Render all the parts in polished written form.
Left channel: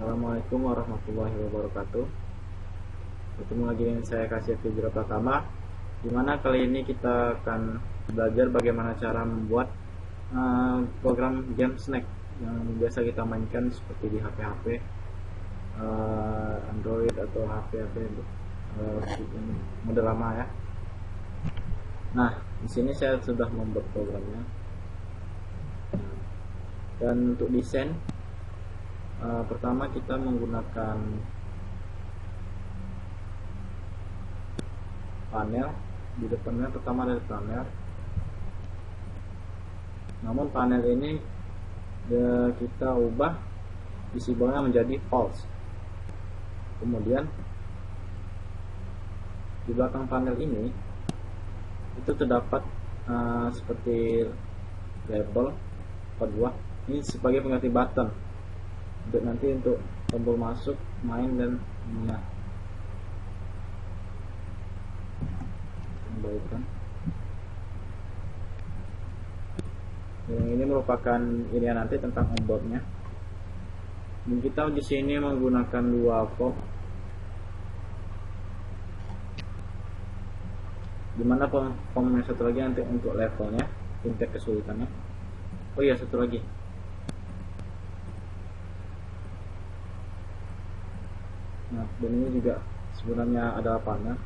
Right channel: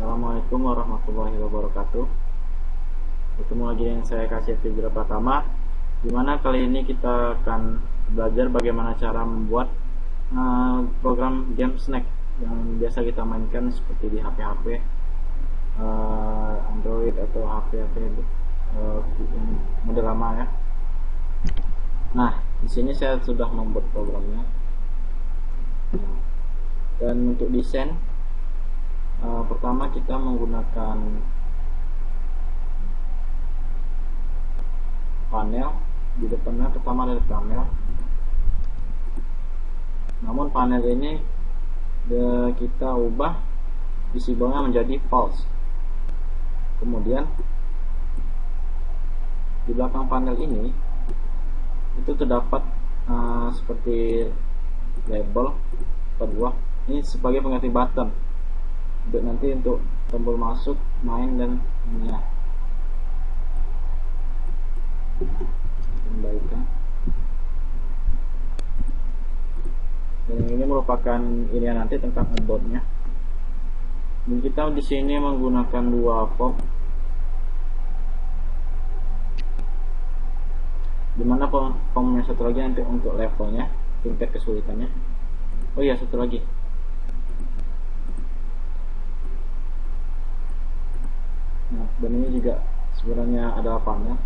Assalamualaikum warahmatullahi wabarakatuh. Ketemu lagi dengan saya Kasih Fidra Pratama, dimana kali ini kita akan belajar bagaimana cara membuat program game snack yang biasa kita mainkan seperti di HP-HP Android atau HP-HP yang model lama ya. Nah, di sini saya sudah membuat programnya. Dan untuk desain, pertama kita menggunakan panel. Di depannya pertama dari panel, namun panel ini kita ubah visible-nya menjadi false. Kemudian di belakang panel ini itu terdapat seperti label kedua, ini sebagai pengganti button untuk nanti untuk tombol masuk, main, dan ini ya. Kembalikan. Dan yang ini merupakan ini ya, nanti tentang onboardnya. Dan kita di sini menggunakan dua form, dimana formnya satu lagi nanti untuk levelnya, tingkat kesulitannya. Oh iya, satu lagi. Nah, dan ini juga sebenarnya adalah panel.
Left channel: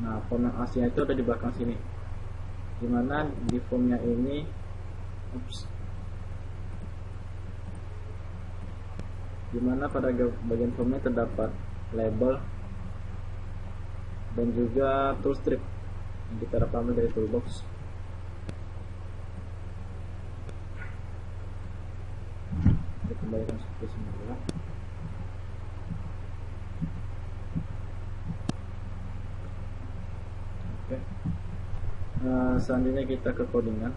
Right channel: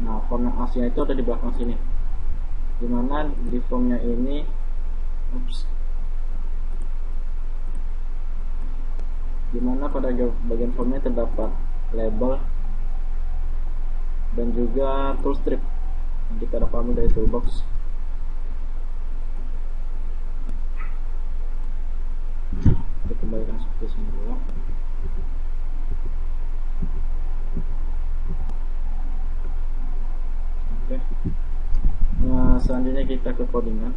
Nah, form yang aslinya itu ada di belakang sini, dimana di formnya ini dimana pada bagian formnya terdapat label dan juga tool strip yang kita dapat ambil dari toolbox. Kita kembalikan seperti semula. Selanjutnya kita ke codingan.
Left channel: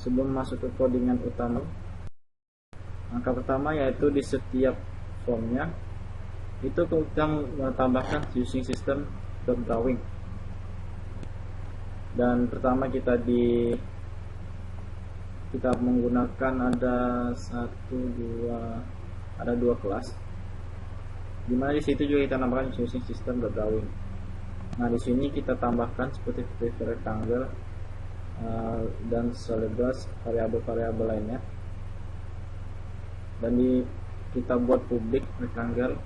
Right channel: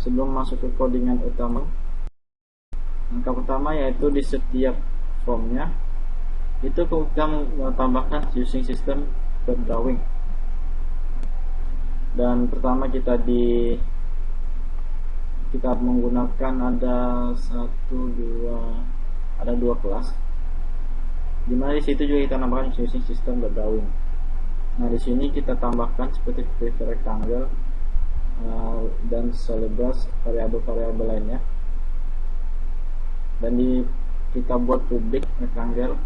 Sebelum masuk ke codingan utama, langkah pertama yaitu di setiap formnya itu kita menambahkan using system drawing. Dan pertama kita menggunakan ada dua kelas, dimana di situ juga kita tambahkan using system drawing. Nah, di sini kita tambahkan seperti rectangle dan celebras variabel-variabel lainnya. Dan kita buat public rectangle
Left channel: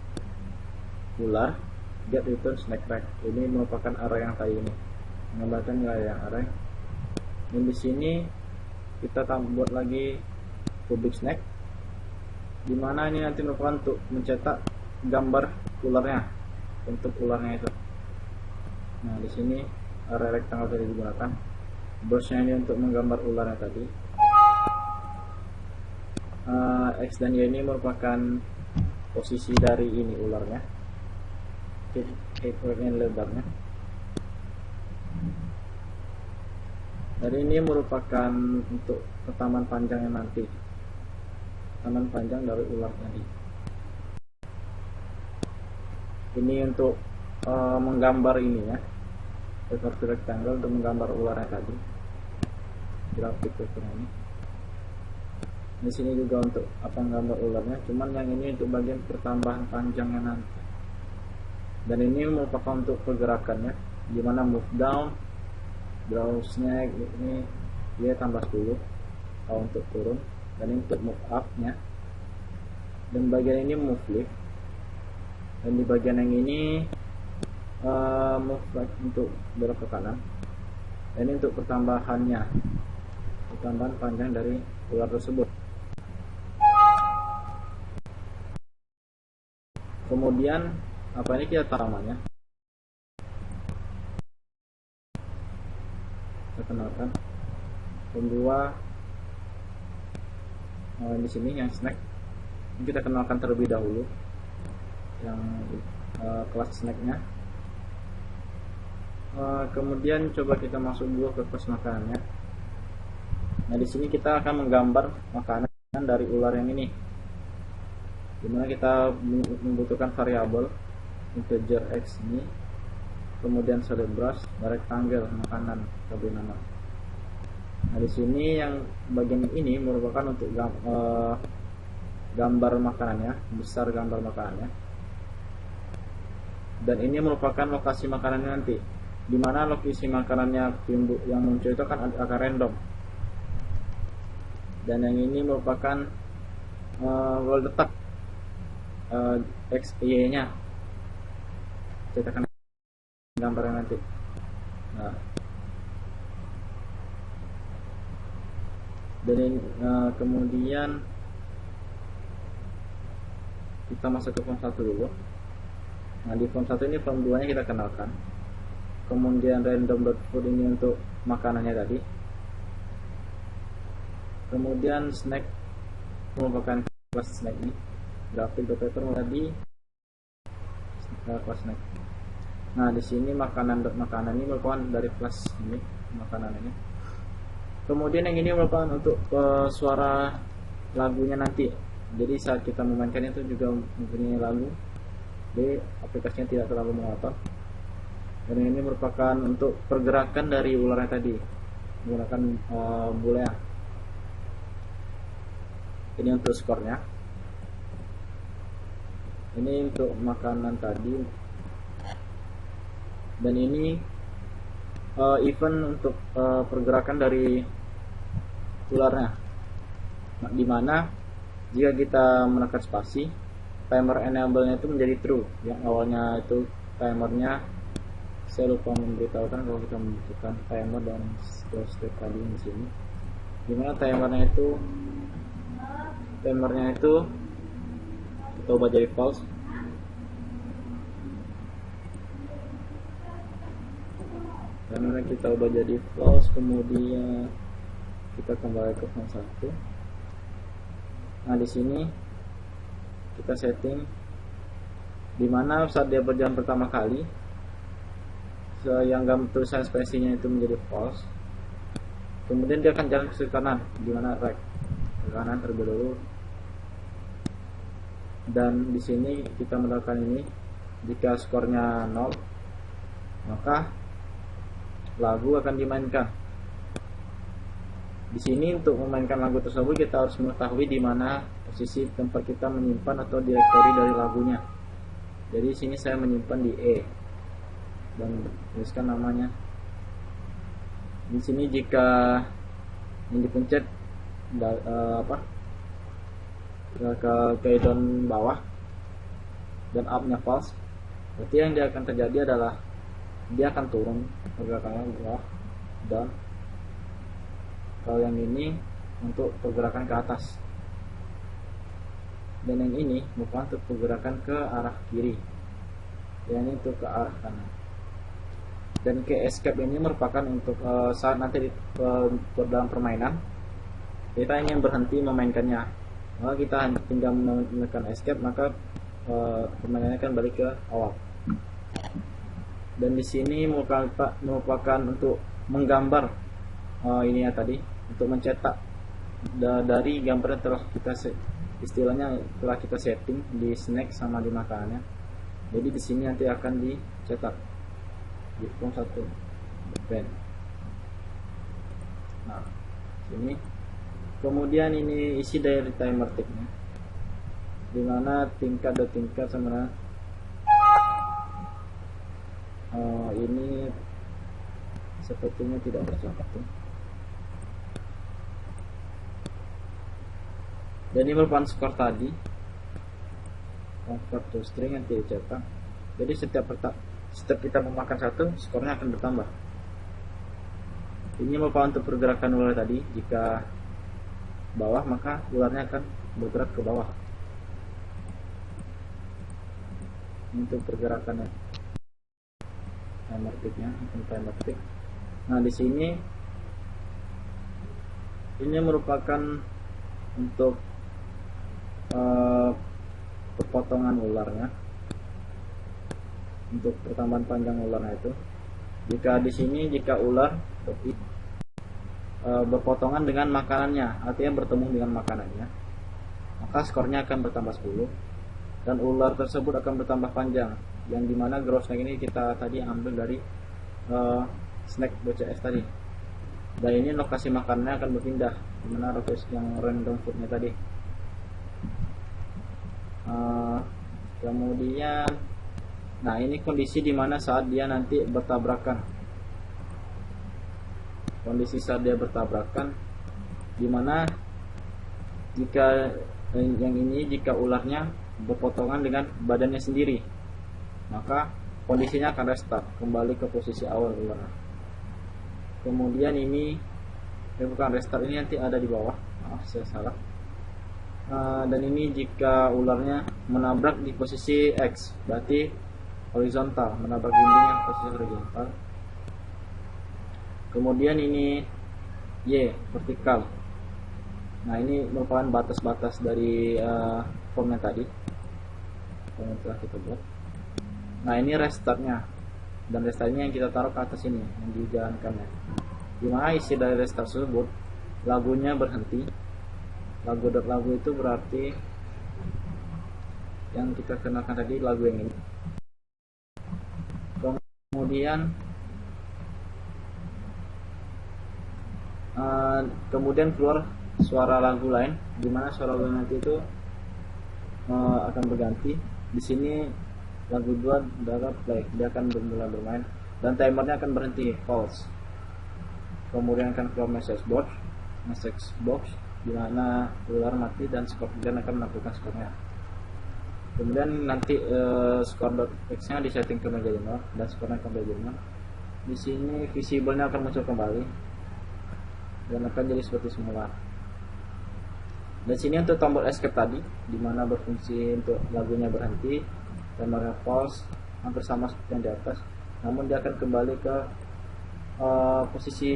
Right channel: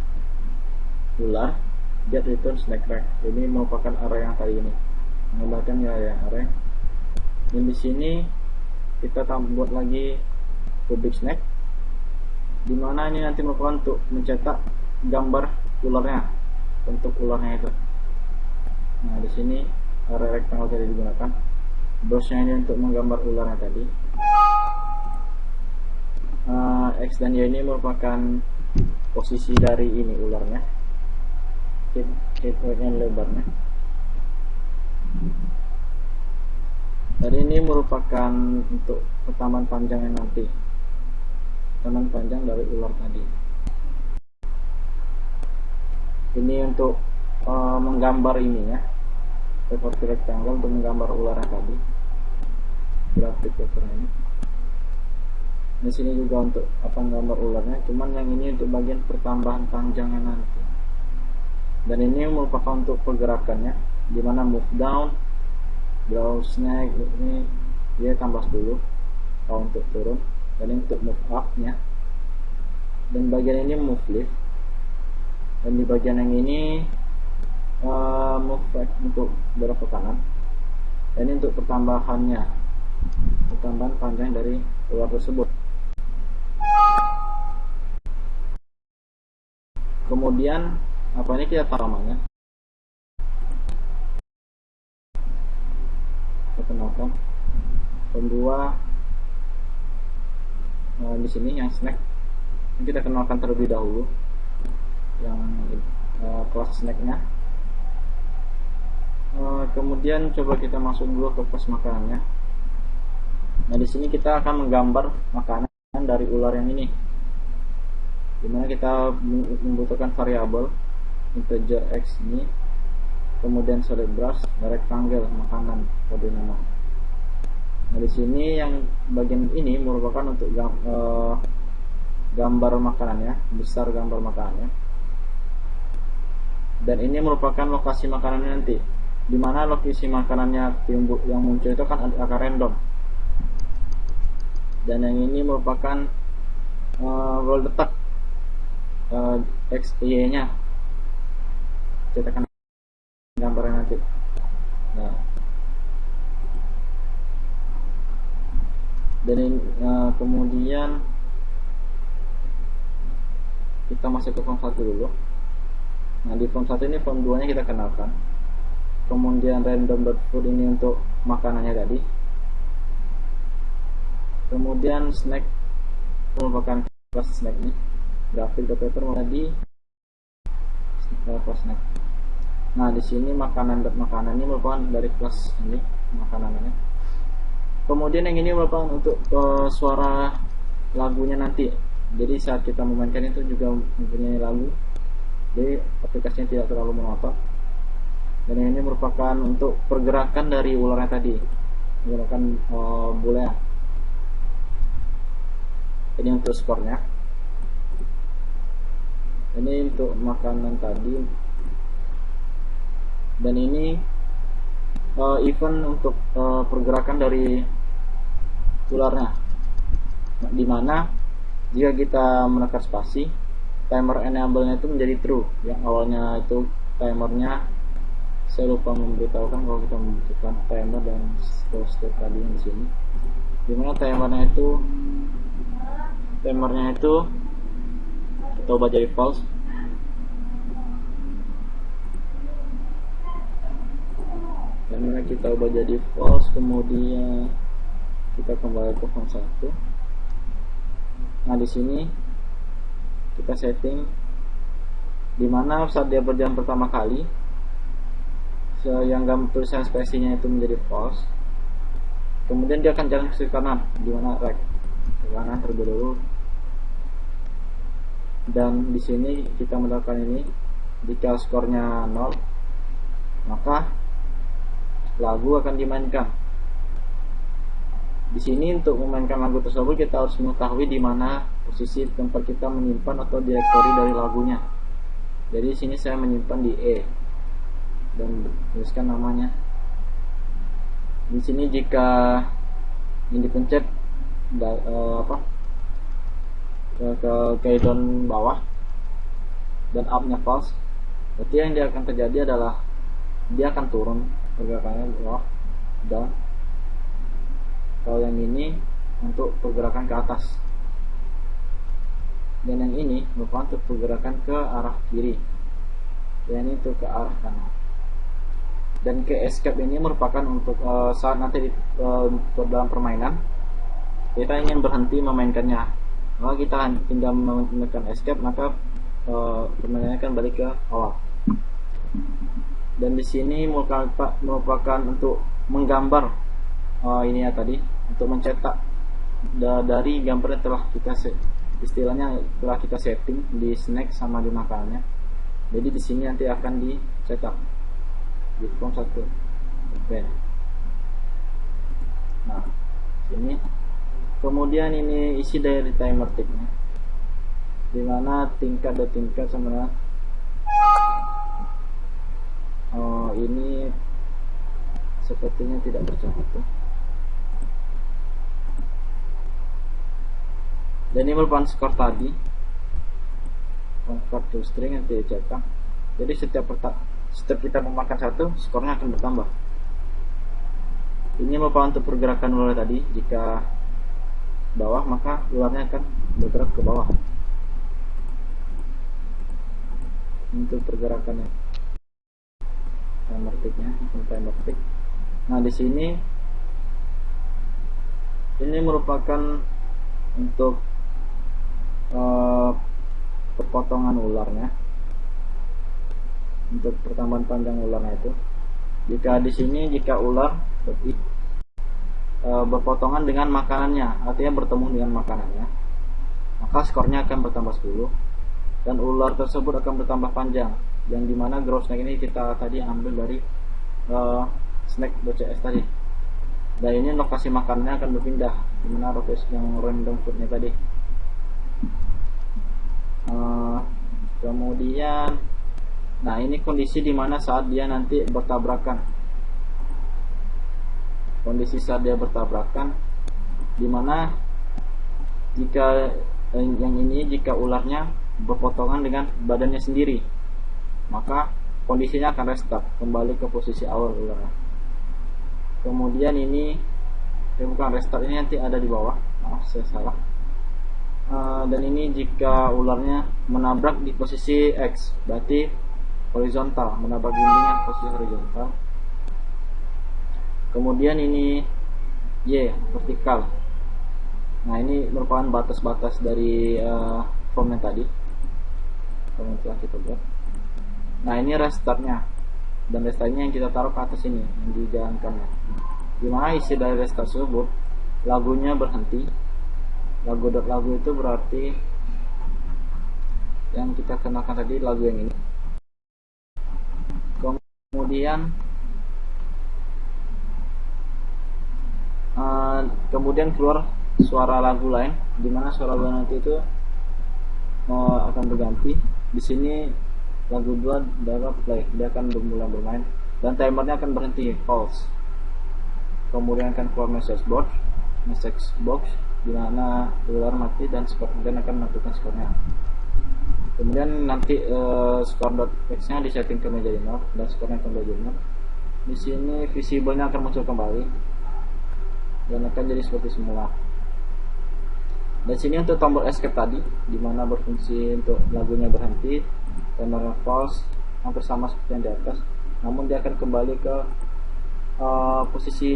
ular get return snack rack. Ini merupakan array yang tadi ini, menggambarkan nilai yang array. Dan di sini kita buat lagi public snack, dimana ini nanti merupakan untuk mencetak gambar ularnya, bentuk ularnya itu. Nah, di sini array rectangle tadi digunakan. Brushnya ini untuk menggambar ularnya tadi. X dan Y ini merupakan posisi dari ini ularnya, height and lebarnya. Dan ini merupakan untuk pertamaan panjangnya nanti, pertamaan panjang dari ular tadi. Ini untuk menggambar ini ya, seperti rectangle untuk menggambar ularnya tadi, grafik paper ini. Di sini juga untuk menggambar ularnya, cuman yang ini untuk bagian pertambahan panjangnya nanti. Dan ini merupakan untuk pergerakannya, dimana move down, draw snack ini dia tambah dulu kalau untuk turun, dan ini untuk move up nya. Dan bagian ini move lift, dan di bagian yang ini move right untuk belok ke kanan. Dan ini untuk pertambahan panjang dari ular tersebut. Kemudian ini kita taruhannya, kita kenalkan pembuat di sini yang snack. Ini kita kenalkan terlebih dahulu yang kelas snacknya. Kemudian coba kita masuk dulu ke kelas makanannya. Nah, di sini kita akan menggambar makanan dari ular yang ini, dimana kita membutuhkan variabel integer x ini, kemudian celebras dan rectangle makanan tadi nama. Nah, di sini yang bagian ini merupakan untuk gambar makanannya, besar gambar makanannya. Dan ini merupakan lokasi makanannya nanti. Dimana lokasi makanannya yang muncul itu akan random. Dan yang ini merupakan letak X, Y nya. Kita akan gambarnya nanti. Nah, dan kemudian kita masuk ke form 1 dulu. Nah, di form 1 ini, form 2 nya kita kenalkan. Kemudian random.food ini untuk makanannya tadi. Kemudian snack merupakan kelas snack nih. Graphic.paper tadi kelas snack. Nah, di sini makanan ini merupakan dari kelas ini makanannya. Kemudian yang ini merupakan untuk suara lagunya nanti. Jadi saat kita memainkan itu juga mempunyai lagu. Jadi aplikasinya tidak terlalu monoton. Dan ini merupakan untuk pergerakan dari ularnya tadi, menggunakan boolean. Ini untuk skornya. Ini untuk makanan tadi. Dan ini event untuk pergerakan dari ularnya, dimana jika kita menekan spasi, timer enable-nya itu menjadi true. Yang awalnya itu timernya, saya lupa memberitahukan kalau kita membutuhkan timer dan step tadi yang di sini, dimana timernya itu kita ubah jadi false. Karena kita ubah jadi false, kemudian kita kembali ke form 1. Nah, di sini kita setting dimana saat dia berjalan pertama kali, yang tulisan spesiesnya itu menjadi false. Kemudian dia akan jalan ke kanan, dimana right ke kanan terlebih dahulu. Dan di sini kita melakukan ini, jika skornya 0, maka lagu akan dimainkan. Di sini untuk memainkan lagu tersebut kita harus mengetahui di mana posisi tempat kita menyimpan atau direktori dari lagunya. Jadi di sini saya menyimpan di E dan tuliskan namanya. Di sini jika ini dipencet ke down bawah dan up-nya false, berarti yang dia akan terjadi adalah dia akan turun pergerakannya bawah down. Kalau yang ini untuk pergerakan ke atas, dan yang ini merupakan untuk pergerakan ke arah kiri, dan ini untuk ke arah kanan. Dan ke escape ini merupakan untuk saat nanti dalam permainan kita ingin berhenti memainkannya, maka kita tinggal menekan escape, maka permainannya akan balik ke awal. Dan di sini merupakan untuk menggambar ini ya tadi, untuk mencetak dari gambar yang telah kita telah kita setting di snack sama di makanannya. Jadi di sini nanti akan dicetak di form 1 pen. Nah, ini kemudian ini isi dari timer ticknya, dimana tingkat dan tingkat sama ini sepertinya tidak bercatu. Dan ini merupakan skor tadi, convert to string nanti dicetak. Jadi setiap kita memakan satu, skornya akan bertambah. Ini merupakan untuk pergerakan ular tadi. Jika bawah, maka ularnya akan bergerak ke bawah. Ini untuk pergerakannya, timer ticknya, timer tick. Nah, di sini ini merupakan untuk perpotongan ularnya, untuk pertambahan panjang ularnya itu. Jika di sini, jika ular berpotongan dengan makanannya, artinya bertemu dengan makanannya, maka skornya akan bertambah 10 dan ular tersebut akan bertambah panjang, yang dimana grow snack ini kita tadi ambil dari snack.cs tadi. Dan ini lokasi makanannya akan berpindah, dimana lokasi yang random foodnya tadi. Kemudian, nah ini kondisi dimana saat dia nanti bertabrakan. Kondisi saat dia bertabrakan, dimana jika yang ini jika ularnya berpotongan dengan badannya sendiri, maka kondisinya akan restart kembali ke posisi awal ularnya. Kemudian ini bukan restart, ini nanti ada di bawah, maaf saya salah. Dan ini jika ularnya menabrak di posisi X, berarti horizontal, menabrak dindingnya posisi horizontal. Kemudian ini Y, vertikal. Nah ini merupakan batas-batas dari formnya tadi, form yang telah kita buat. Nah ini restartnya, dan restartnya yang kita taruh ke atas ini, yang dijalankannya. Dimana isi dari restart tersebut, lagunya berhenti. Lagu itu berarti yang kita kenalkan tadi, lagu yang ini. Kemudian keluar suara lagu lain, dimana suara lagu nanti itu akan berganti. Di sini lagu 2 darah play, dia akan mulai bermain dan timernya akan berhenti false. Kemudian akan keluar message box di mana ular mati dan kemudian akan melakukan skornya. Kemudian nanti score.text-nya disetting ke menjadi 0 dan skornya akan menjadi 0. Di sini visible-nya akan muncul kembali dan akan jadi seperti semula. Dan sini untuk tombol escape tadi, dimana berfungsi untuk lagunya berhenti, timernya false, hampir sama seperti yang di atas. Namun dia akan kembali ke posisi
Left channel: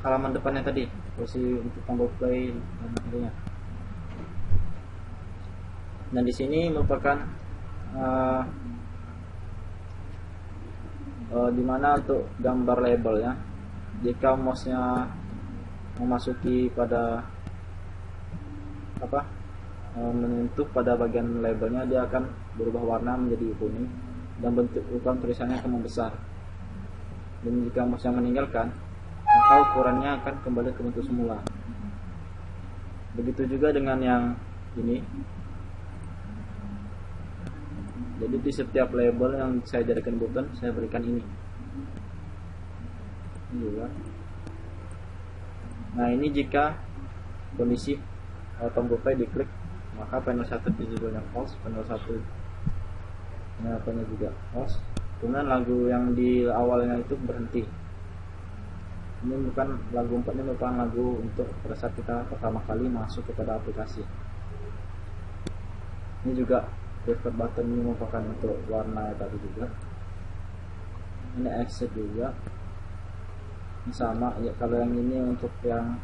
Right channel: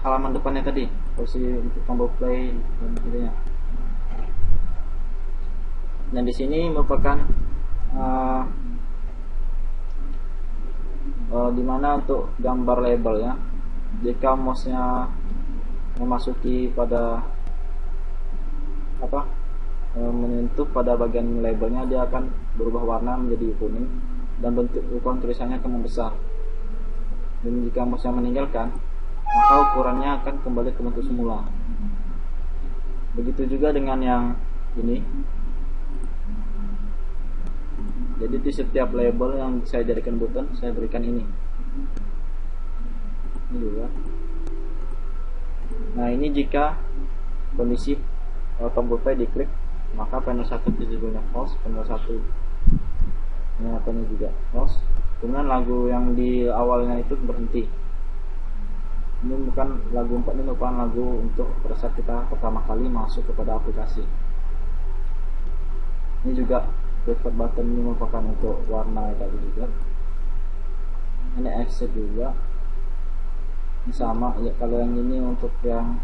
halaman depannya tadi, posisi untuk tombol play dan intinya. Dan di sini merupakan dimana untuk gambar label ya. Jika mouse-nya memasuki pada menyentuh pada bagian labelnya, dia akan berubah warna menjadi kuning dan bentuk ukuran tulisannya akan membesar. Dan jika mouse-nya meninggalkan, maka ukurannya akan kembali ke bentuk semula. Begitu juga dengan yang ini. Jadi di setiap label yang saya jadikan button, saya berikan ini juga. Nah ini jika kondisi tombol play diklik, maka panel 1 judulnya false, panel 1 ini juga false. Kemudian lagu yang di awalnya itu berhenti. Ini bukan lagu 4, ini merupakan lagu untuk pada saat kita pertama kali masuk kepada aplikasi. Ini juga preferred button, ini merupakan untuk warna tadi juga. Ini exit juga. Ini sama ya, kalau yang ini untuk yang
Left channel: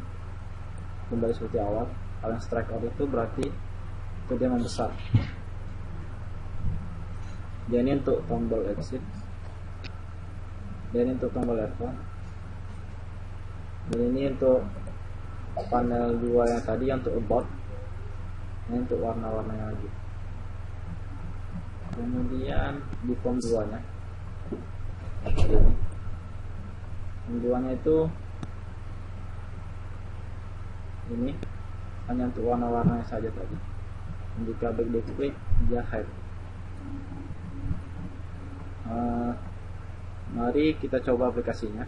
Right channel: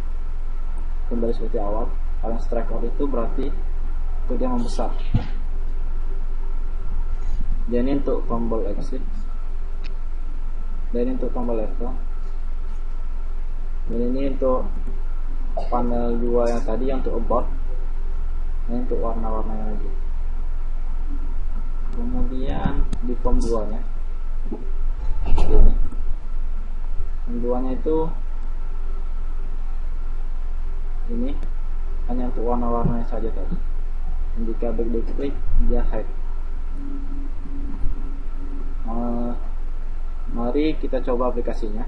kembali seperti awal. Kalau yang strike out itu berarti itu dia membesar. Dan ini untuk tombol exit, dan ini untuk tombol level, dan ini untuk panel 2 yang tadi yang untuk about. Ini untuk warna-warnanya lagi. Kemudian di form 2 nya ini, form 2 nya itu ini hanya untuk warna-warnanya saja tadi. Dan jika back klik, dia hide. Mari kita coba aplikasinya.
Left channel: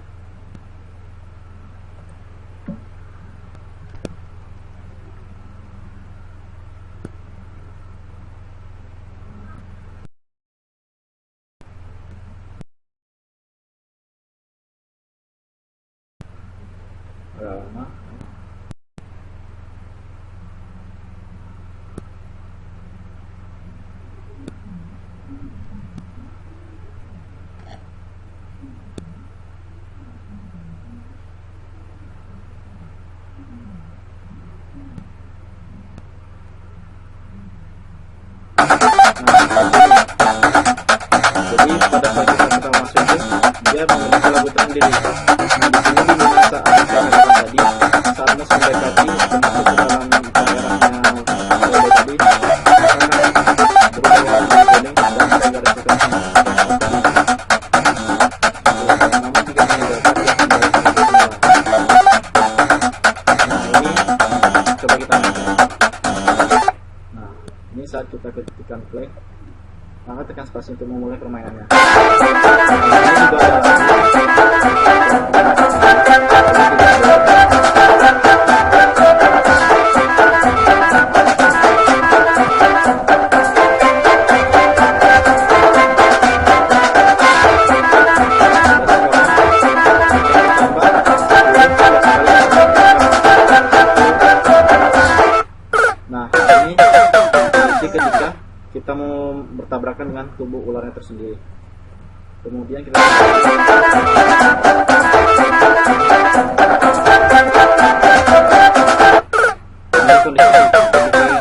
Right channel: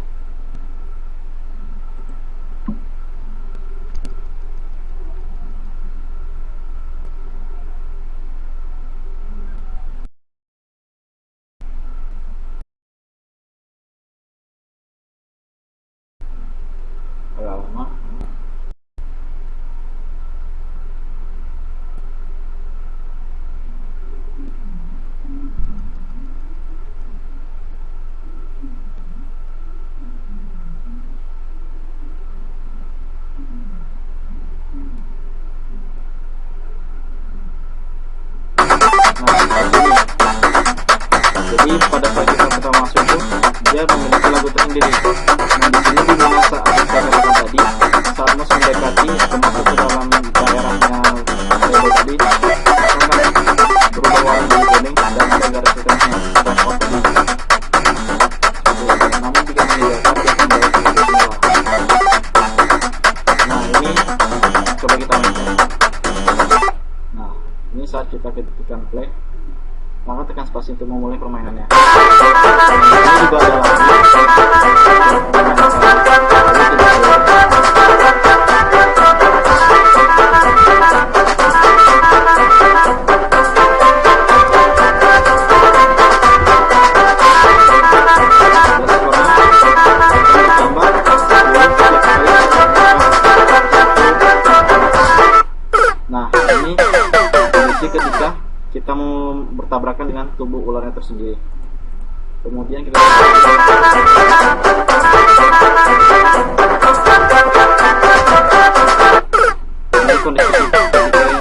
Lama. Jadi pada saat kita pertama masuk itu dia memiliki lagu tersendiri. Nah di sini di mana saat saya katakan tadi, saat mouse mendekati atau masuk ke dalam daerahnya label tadi, maka akan berubah warna menjadi kuning dan ada garis hitamnya strike out tadi. Namun jika meninggalkan, dia akan balik seperti semula. Nah ini coba kita mainkan. Nah ini saat kita ketikkan play, maka tekan spasi untuk memulai permainannya. Ini juga ada lagu. Nah, ini kondisi ketika kita mau bertabrakan dengan tubuh ularnya tersendiri. Kemudian kita ini kondisi ketika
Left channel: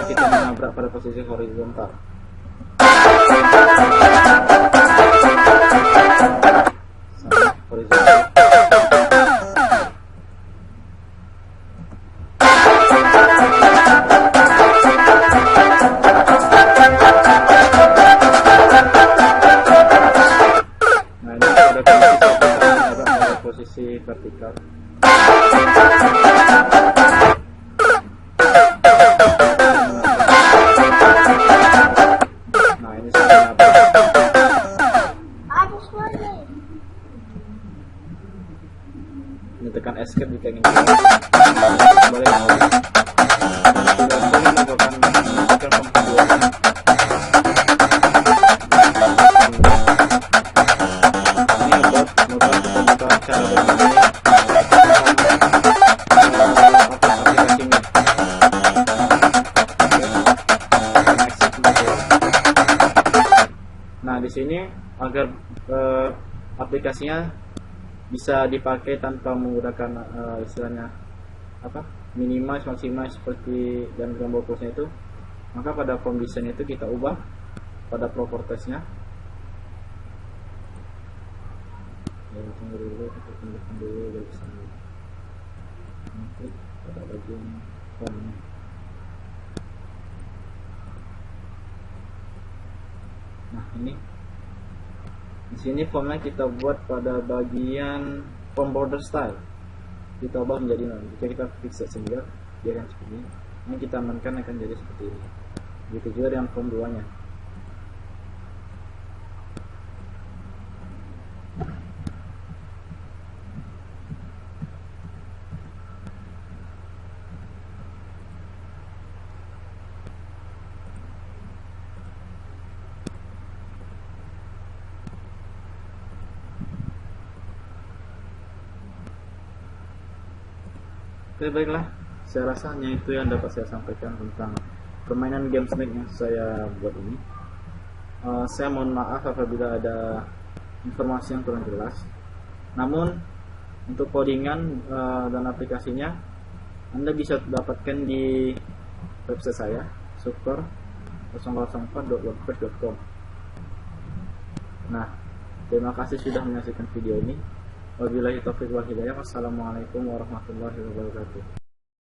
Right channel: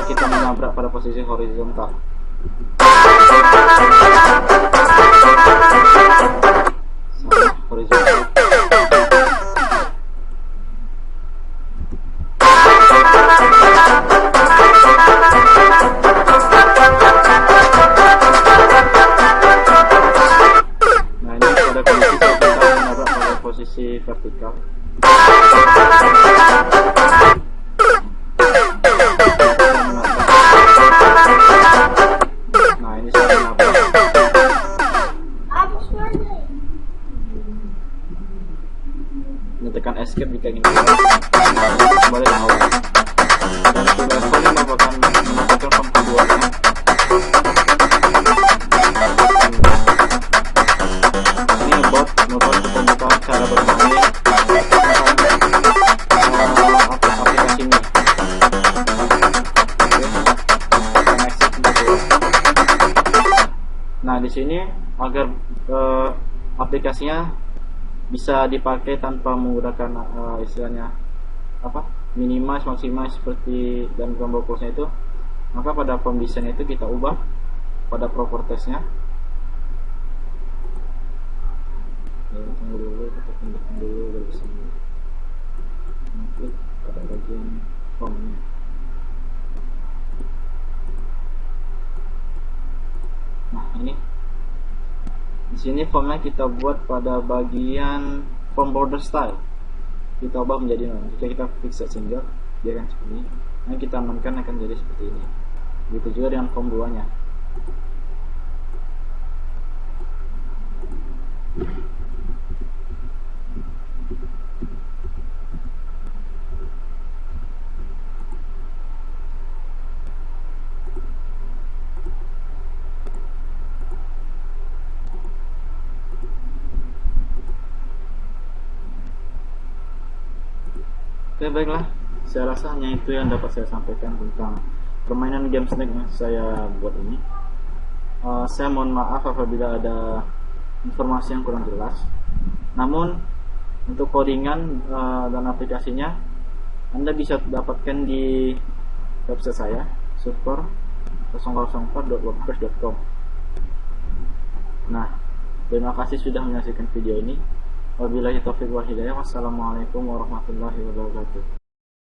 kita menabrak pada posisi horizontal. Sama horizontal. Nah, ini pada kondisi kita menabrak pada posisi vertikal. Nah, ini saya menabrak. Ini tekan escape jika ingin keluar. Kembali ke awal. Dan sudah kembali melakukan form keduanya. Ini bot merupakan pembukaan cara bermain aplikasinya. Nah, di sini agar aplikasinya bisa dipakai tanpa menggunakan istilahnya minimize, maximize seperti dan combo close-nya itu, maka pada form design itu kita ubah pada propertiesnya. Tunggu dulu, kita pindahkan dulu biar bisa klik pada bagian formnya. Nah, ini di sini formnya kita buat pada bagian form border style. Kita ubah menjadi jika kita fix sehingga dia akan seperti ini. Nah, kita amankan akan jadi seperti ini. Begitu juga dengan form 2-nya. Oke, baiklah, saya rasa hanya itu yang dapat saya sampaikan tentang permainan game Snake yang saya buat ini. Saya mohon maaf apabila ada informasi yang kurang jelas. Namun untuk codingan dan aplikasinya Anda bisa dapatkan di website saya super004.wordpress.com. Nah, terima kasih sudah menyaksikan video ini. Wabillahi taufiq wal hidayah. Wassalamualaikum warahmatullahi wabarakatuh.